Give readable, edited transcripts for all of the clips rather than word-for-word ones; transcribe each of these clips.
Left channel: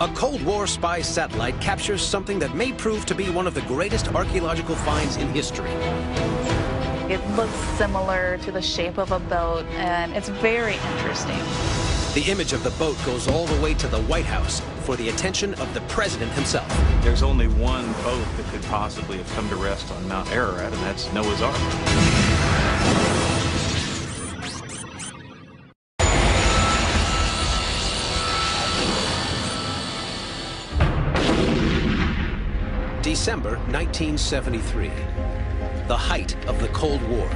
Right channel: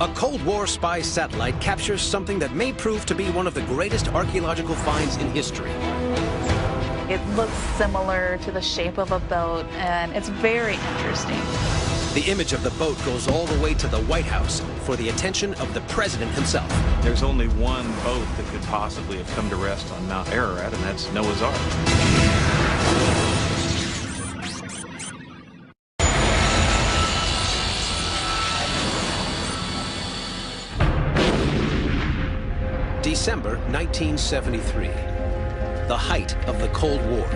A Cold War spy satellite captures something that may prove to be one of the greatest archaeological finds in history. It looks similar to the shape of a boat, and it's very interesting. The image of the boat goes all the way to the White House for the attention of the president himself. There's only one boat that could possibly have come to rest on Mount Ararat, and that's Noah's Ark. December 1973, the height of the Cold War.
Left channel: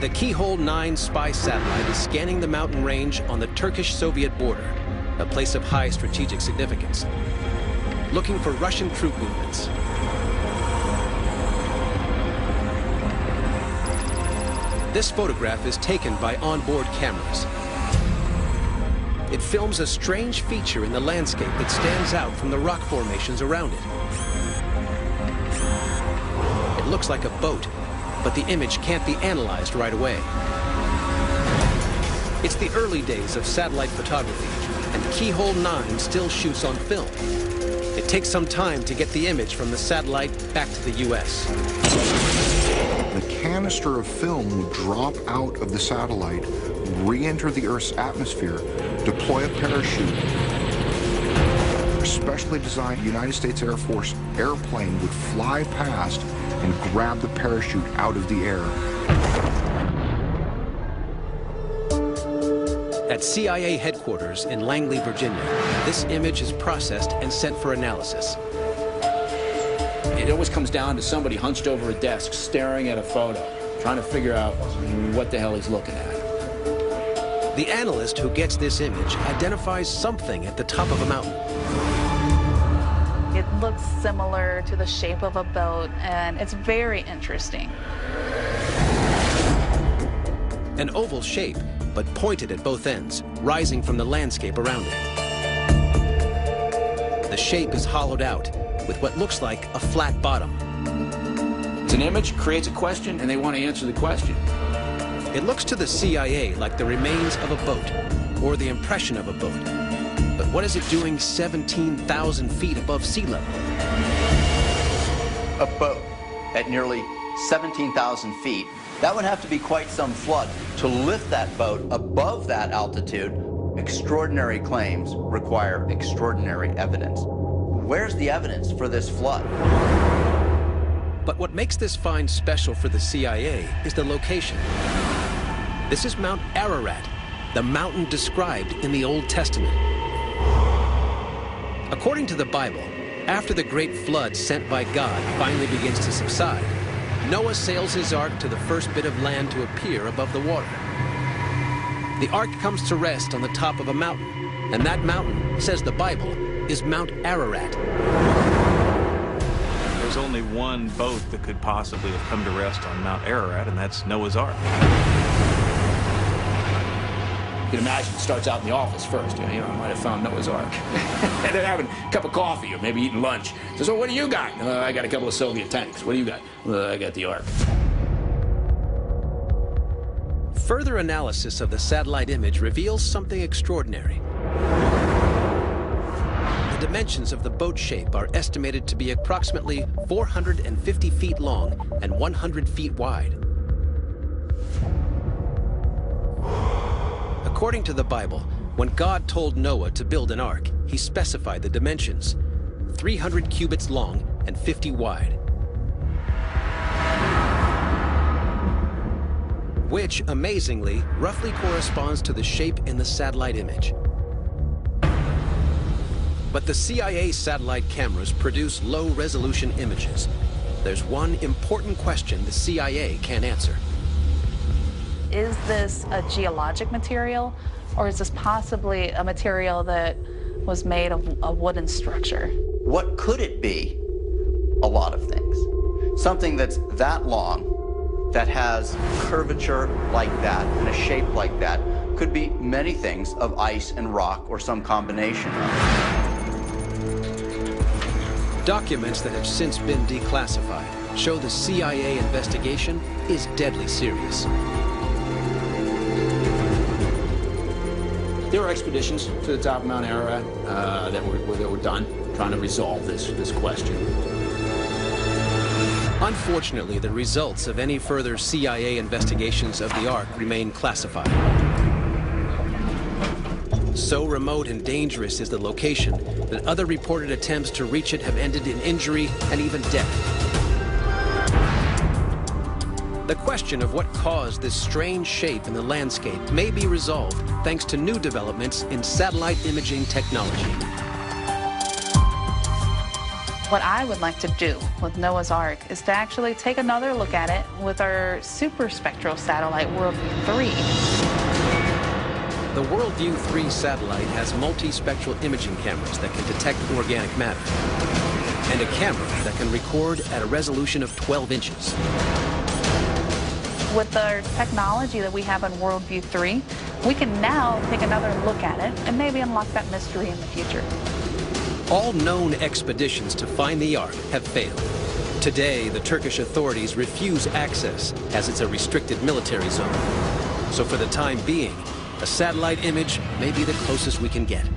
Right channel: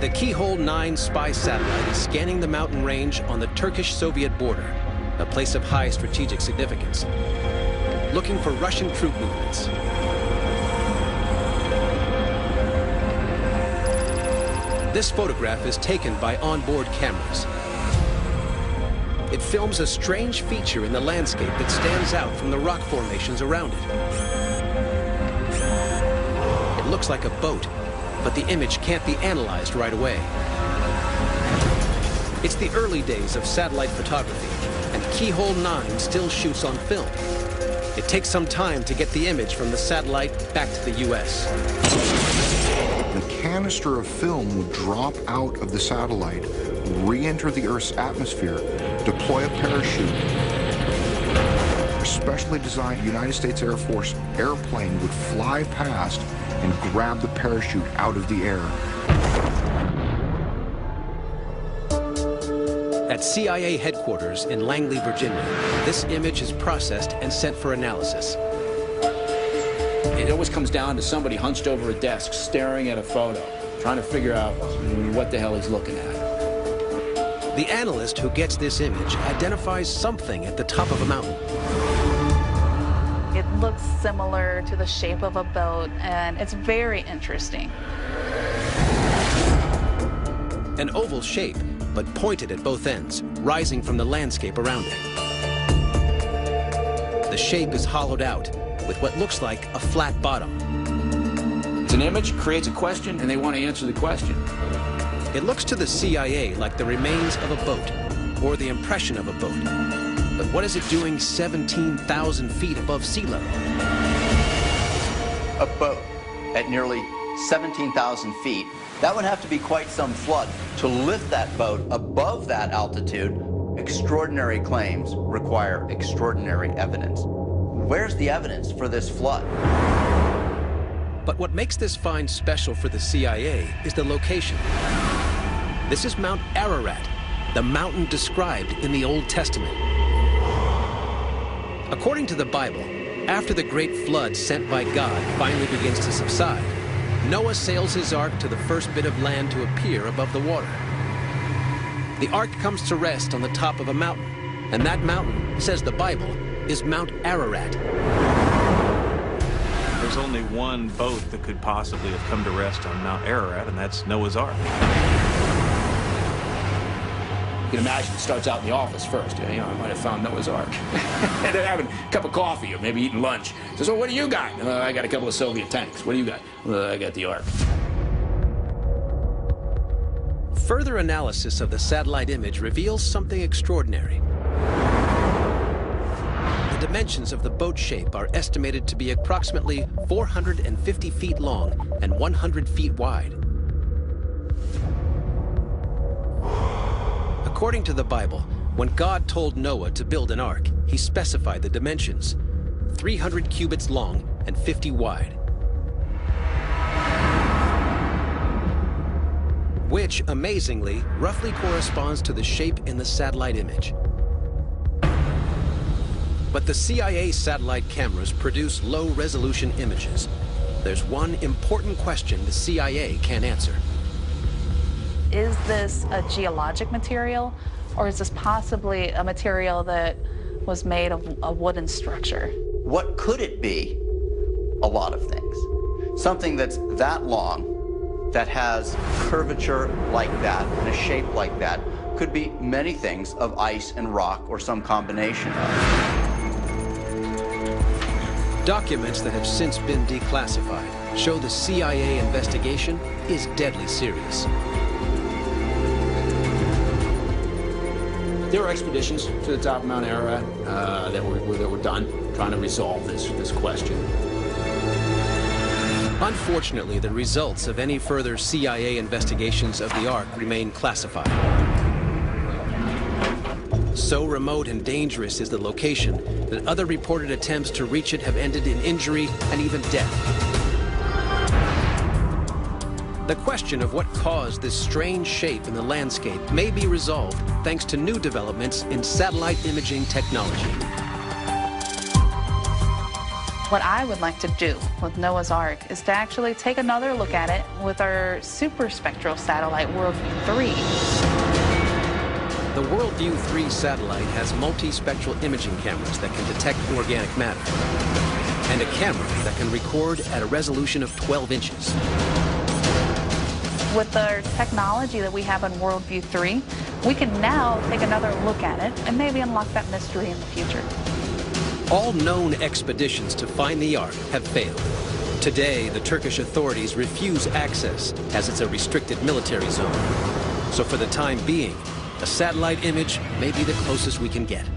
The Keyhole 9 spy satellite is scanning the mountain range on the Turkish-Soviet border, a place of high strategic significance, looking for Russian troop movements. This photograph is taken by onboard cameras. It films a strange feature in the landscape that stands out from the rock formations around it. It looks like a boat, but the image can't be analyzed right away. It's the early days of satellite photography, and Keyhole 9 still shoots on film. It takes some time to get the image from the satellite back to the U.S. The canister of film would drop out of the satellite, re-enter the Earth's atmosphere, deploy a parachute. A specially designed United States Air Force airplane would fly past and grab the parachute out of the air. At CIA headquarters in Langley, Virginia, this image is processed and sent for analysis. It always comes down to somebody hunched over a desk, staring at a photo, trying to figure out what the hell he's looking at. The analyst who gets this image identifies something at the top of a mountain. It looks similar to the shape of a boat, and it's very interesting. An oval shape, but pointed at both ends, rising from the landscape around it. The shape is hollowed out, with what looks like a flat bottom. It's an image, creates a question, and they want to answer the question. It looks to the CIA like the remains of a boat, or the impression of a boat. But what is it doing 17,000 feet above sea level? A boat at nearly 17,000 feet, that would have to be quite some flood. To lift that boat above that altitude, extraordinary claims require extraordinary evidence. Where's the evidence for this flood? But what makes this find special for the CIA is the location. This is Mount Ararat, the mountain described in the Old Testament. According to the Bible, after the great flood sent by God finally begins to subside, Noah sails his ark to the first bit of land to appear above the water. The ark comes to rest on the top of a mountain, and that mountain, says the Bible, is Mount Ararat. There's only one boat that could possibly have come to rest on Mount Ararat, and that's Noah's Ark. You can imagine it starts out in the office first. You know, I might have found Noah's Ark. And they're having a cup of coffee or maybe eating lunch. Says, "Oh, what do you got?" "I got a couple of Soviet tanks." "What do you got?" "I got the Ark." Further analysis of the satellite image reveals something extraordinary. The dimensions of the boat shape are estimated to be approximately 450 feet long and 100 feet wide. According to the Bible, when God told Noah to build an ark, he specified the dimensions: 300 cubits long and 50 wide. Which, amazingly, roughly corresponds to the shape in the satellite image. But the CIA satellite cameras produce low-resolution images. There's one important question the CIA can't answer. Is this a geologic material, or is this possibly a material that was made of a wooden structure? What could it be? A lot of things. Something that's that long, that has curvature like that and a shape like that, could be many things of ice and rock or some combination of. Documents that have since been declassified show the CIA investigation is deadly serious. There were expeditions to the top of Mount Ararat that were done, trying to resolve this question. Unfortunately, the results of any further CIA investigations of the Ark remain classified. So remote and dangerous is the location that other reported attempts to reach it have ended in injury and even death. The question of what caused this strange shape in the landscape may be resolved thanks to new developments in satellite imaging technology. What I would like to do with Noah's Ark is to actually take another look at it with our super spectral satellite WorldView 3. The WorldView 3 satellite has multispectral imaging cameras that can detect organic matter, and a camera that can record at a resolution of 12 inches. With the technology that we have on WorldView 3, we can now take another look at it and maybe unlock that mystery in the future. All known expeditions to find the Ark have failed. Today, the Turkish authorities refuse access as it's a restricted military zone. So for the time being, a satellite image may be the closest we can get.